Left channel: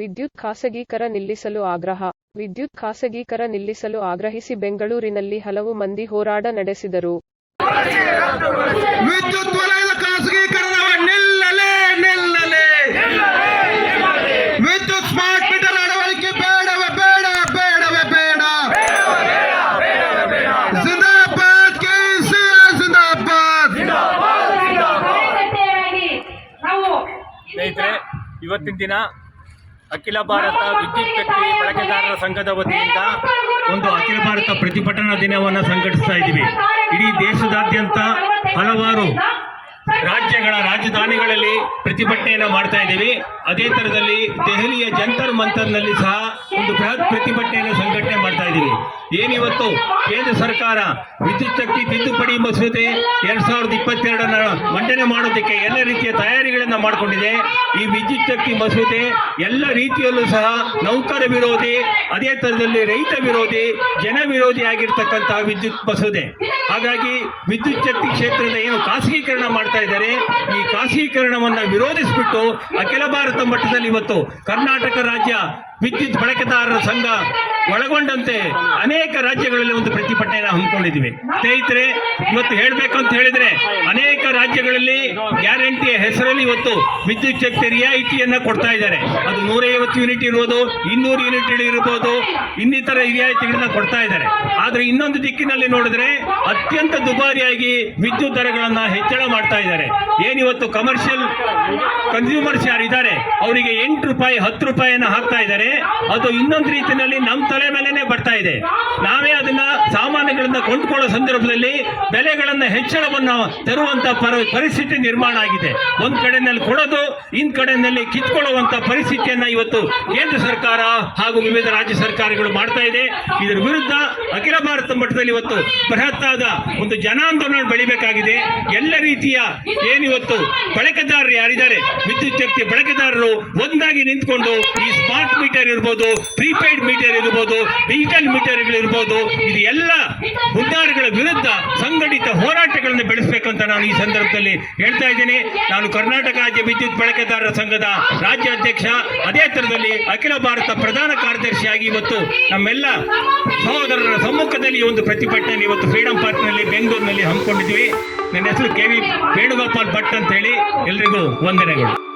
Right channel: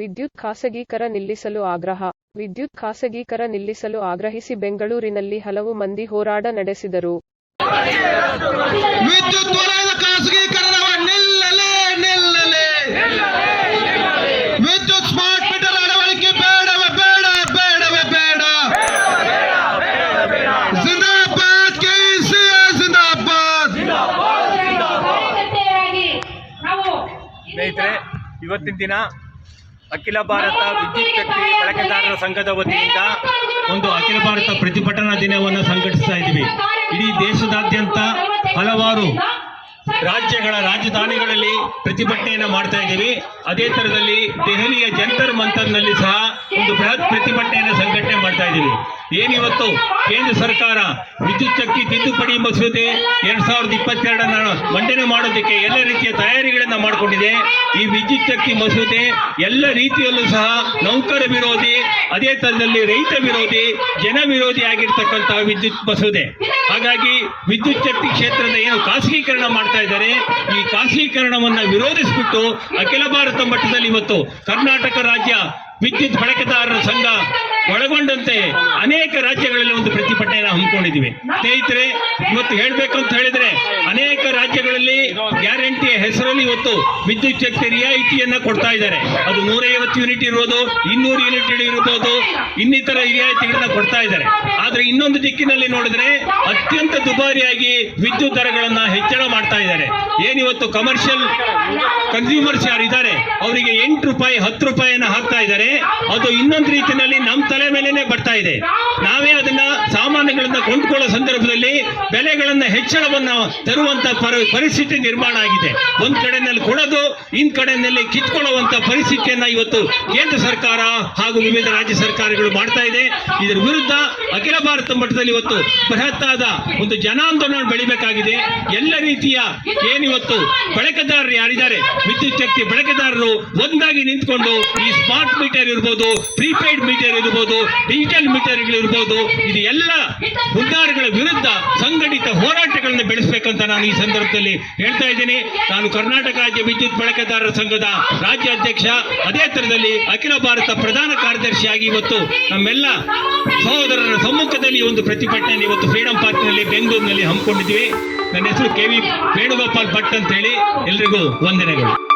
ವಿದ್ಯುತ್ ಖಾಸಗೀಕರ ನಿಲ್ಲಿಸಲು ಆಗ್ರಹ. ವಿದ್ಯುತ್ ಖಾಸಗೀಕರ ನಿಲ್ಲಿಸಲು ಆಗ್ರಹಿಸಿ ಬೆಂಗಳೂರಿನಲ್ಲಿ ಹಲವು ಮಂದಿ ಹೋರಾಟ ನಡೆಸಿದರು. ವಿದ್ಯುತ್ ವಲಯದ ಖಾಸಗೀಕರಣವ ನಿಲ್ಲಲೇ ನಿಲ್ಲಲೇ. ವಿದ್ಯುತ್ ಸ್ಮಾರ್ಟ್ ಮೀಟರ್ ಅಳವಡಿಕೆ ಬೇಡವ ಬೇಡ ಬೇಡವ ಬೇಡ. ಜಿಂದಾಬಾದ್ ಕೆಸಿಆರ್ ಜಿಂದಾಬಾದ್. ಸ್ನೇಹಿತರೆ ಇವತ್ತಿನ ದಿನ ಅಖಿಲ ಭಾರತ ವಿದ್ಯುತ್ ಶಕ್ತಿ ಬಳಕೆದಾರರ ಸಂಘದ ವತಿಯಿಂದ ಒಂದು ಅಖಿಲ ಭಾರತ ಪ್ರತಿಭಟನಾ ದಿನವನ್ನು ಸಂಘಟಿಸ್ತಾ ಇದ್ದೀವಿ. ಇಡೀ ದೇಶದಾದ್ಯಂತ ಹಲವಾರು ರಾಜ್ಯಗಳ ರಾಜಧಾನಿಗಳಲ್ಲಿ ಪ್ರತಿಭಟನೆಯನ್ನು ಮಾಡ್ತಾ ಇದ್ದೀವಿ. ಅದೇ ಥರದಲ್ಲಿ ದೆಹಲಿಯ ಜಂತರ್ ಮಂತರ್ನಲ್ಲಿ ಸಹ ಒಂದು ಬೃಹತ್ ಪ್ರತಿಭಟನೆಯನ್ನು ಸಂಘಟನೆ ಮಾಡ್ತಾ ಇದ್ದೀವಿ. ಏನಿವತ್ತು ಕೇಂದ್ರ ಸರ್ಕಾರ ವಿದ್ಯುತ್ ಶಕ್ತಿ ತಿದ್ದುಪಡಿ ಮಸೂದೆ ಎರಡ್ ಸಾವಿರದ ಇಪ್ಪತ್ತೆರಡನ್ನ ಮಂಡನೆ ಮಾಡೋದಕ್ಕೆ ಎಲ್ಲ ರೀತಿಯ ತಯಾರಿಗಳನ್ನ ಮಾಡಿಕೊಂಡಿದೆ. ಈ ವಿದ್ಯುತ್ ಶಕ್ತಿ ಮಸೂದೆ ಎಲ್ಲ ರೀತಿಯಲ್ಲೂ ಸಹ ನೌಕರ ವಿರೋಧಿ, ಅದೇ ಥರದಲ್ಲಿ ರೈತ ವಿರೋಧಿ, ಜನ ವಿರೋಧಿ ಆಗಿರ್ತಕ್ಕಂತಹ ವಿದ್ಯುತ್ ಮಸೂದೆ. ಹಾಗಾಗಿ ವಿದ್ಯುತ್ ಶಕ್ತಿ ಕ್ಷೇತ್ರದ ಏನು ಖಾಸಗೀಕರಣ ಮಾಡ್ತಾ ಇದ್ದಾರೆ, ಈ ಖಾಸಗೀಕರಣವನ್ನು ವಿರೋಧಿಸಿಬಿಟ್ಟು ಅಖಿಲ ಭಾರತ ಮಟ್ಟದಲ್ಲಿ ಇವತ್ತು ಕರ್ನಾಟಕ ರಾಜ್ಯ ವಿದ್ಯುತ್ ಬಳಕೆದಾರರ ಸಂಘ ಒಳಗೊಂಡಂತೆ ಅನೇಕ ರಾಜ್ಯಗಳಲ್ಲಿ ಒಂದು ಪ್ರತಿಭಟನೆಯನ್ನು ಹಮ್ಮಿಕೊಂಡಿದ್ದೀವಿ. ಸ್ನೇಹಿತರೆ, ಇವತ್ತು ಹೇಳಬೇಕು ಅಂತ ಹೇಳಿದ್ರೆ ಅನೇಕ ರಾಜ್ಯಗಳಲ್ಲಿ ಗ್ಯಾರಂಟಿಯ ಹೆಸರಲ್ಲಿ ಇವತ್ತು ವಿದ್ಯುತ್ ಶಕ್ತಿ ರಿಯಾಯಿತಿಯನ್ನ ಕೊಡ್ತಾ ಇದ್ದಾರೆ. ಅದು ನೂರೈವತ್ತು ಯೂನಿಟ್ ಇರ್ಬೋದು, ಇನ್ನೂರು ಯೂನಿಟ್ ಇರ್ಬೋದು, ಇನ್ನಿತರ ರಿಯಾಯಿತಿಗಳನ್ನ ಕೊಡ್ತಾ ಇದ್ದಾರೆ. ಆದ್ರೆ ಇನ್ನೊಂದು ದಿಕ್ಕಿನಲ್ಲಿ ನೋಡಿದ್ರೆ ಅತ್ಯಂತ ದುಬಾರಿಯಾಗಿ ವಿದ್ಯುತ್ ದರಗಳನ್ನ ಹೆಚ್ಚಳ ಮಾಡ್ತಾ ಇದ್ದಾರೆ. ಏನಿವತ್ತು ಕಮರ್ಷಿಯಲ್ ಕನ್ಸ್ಯೂಮರ್ಸ್ ಯಾರಿದ್ದಾರೆ, ಅವರಿಗೆ ಎಂಟು ರೂಪಾಯಿ, ಹತ್ತು ರೂಪಾಯಿಯನ್ನು ಹಾಕ್ತಾ ಇದ್ದಾರೆ. ಅದು ಇನ್ನೊಂದು ರೀತಿಯಲ್ಲಿ ನಮ್ಮ ತಲೆ ಮೇಲೆನೆ ಬರ್ತಾ ಇದೆ. ನಾವೇ ಅದನ್ನ ಸಾಮಾನುಗಳನ್ನ ಕೊಂಡ್ಕೊಳ್ಳೋ ಸಂದರ್ಭದಲ್ಲಿ ಬೆಲೆಗಳನ್ನ ಹೆಚ್ಚಳವನ್ನ ತರುವಂತ ಪರ- ಪರಿಸ್ಥಿತಿ ನಿರ್ಮಾಣ ಆಗಿದೆ. ಒಂದ್ ಕಡೆನಲ್ಲಿ ಕೊಡೋದು, ಇನ್ ಕಡೆನಲ್ಲಿ ಕಿತ್ಕೊಳ್ಳುವಂತ ಪರಿಸ್ಥಿತಿಯನ್ನ ಇವತ್ತು ಕೇಂದ್ರ ಸರ್ಕಾರ ಹಾಗೂ ವಿವಿಧ ರಾಜ್ಯ ಸರ್ಕಾರಗಳು ಮಾಡ್ತಾ ಇದೆ. ಇದರ ವಿರುದ್ಧ ಅಖಿಲ ಭಾರತ ಮಟ್ಟದಲ್ಲಿ ಇವತ್ತು ಬೃಹತ್ತಾದ ಒಂದು ಜನಾಂದೋಲನ ಬೆಳಿಬೇಕಾಗಿದೆ. ಎಲ್ಲ ರೀತಿಯ ಏನಿವತ್ತು ಬಳಕೆದಾರರು ಯಾರಿದ್ದಾರೆ? ವಿದ್ಯುತ್ ಶಕ್ತಿ ಬಳಕೆದಾರರು ಒಂದಾಗಿ ನಿಂತ್ಕೊಂಡು ಈ ಸ್ಮಾರ್ಟ್ ಮೀಟರ್ ಇರ್ಬೋದು ಪ್ರೀಪೇಯ್ಡ್ ಮೀಟರ್ ಇರ್ಬೋದು ಡಿಜಿಟಲ್ ಮೀಟರ್ಗಳಿರ್ಬೋದು ಇದು ಎಲ್ಲ ಹುದ್ದಾರಗಳ ವಿರುದ್ಧ ಸಂಘಟಿತ ಹೋರಾಟಗಳನ್ನು ಬೆಳೆಸಬೇಕಂತ ನಾನು ಈ ಸಂದರ್ಭದಲ್ಲಿ ಹೇಳ್ತಾ ಇದ್ದೀನಿ. ನಾನು ಕರ್ನಾಟಕ ರಾಜ್ಯ ವಿದ್ಯುತ್ ಬಳಕೆದಾರರ ಸಂಘದ ರಾಜ್ಯ ಅಧ್ಯಕ್ಷ ಅದೇ ಥರದಲ್ಲಿ ಅಖಿಲ ಭಾರತ ಪ್ರಧಾನ ಕಾರ್ಯದರ್ಶಿಯಾಗಿ ಇವತ್ತು ನಮ್ಮೆಲ್ಲ ಸಹೋದರರ ಸಮ್ಮುಖದಲ್ಲಿ ಒಂದು ಪ್ರತಿಭಟನೆ ಇವತ್ತು ಫ್ರೀಡಂ ಪಾರ್ಕ್ನಲ್ಲಿ ಬೆಂಗಳೂರಿನಲ್ಲಿ ಹಮ್ಮಿಕೊಂಡಿದ್ವಿ ನನ್ನ ಹೆಸರು ಕೆ ವಿ ವೇಣುಗೋಪಾಲ್ ಭಟ್ ಅಂತ ಹೇಳಿ ಎಲ್ರಿಗೂ ವಂದನೆಗಳು.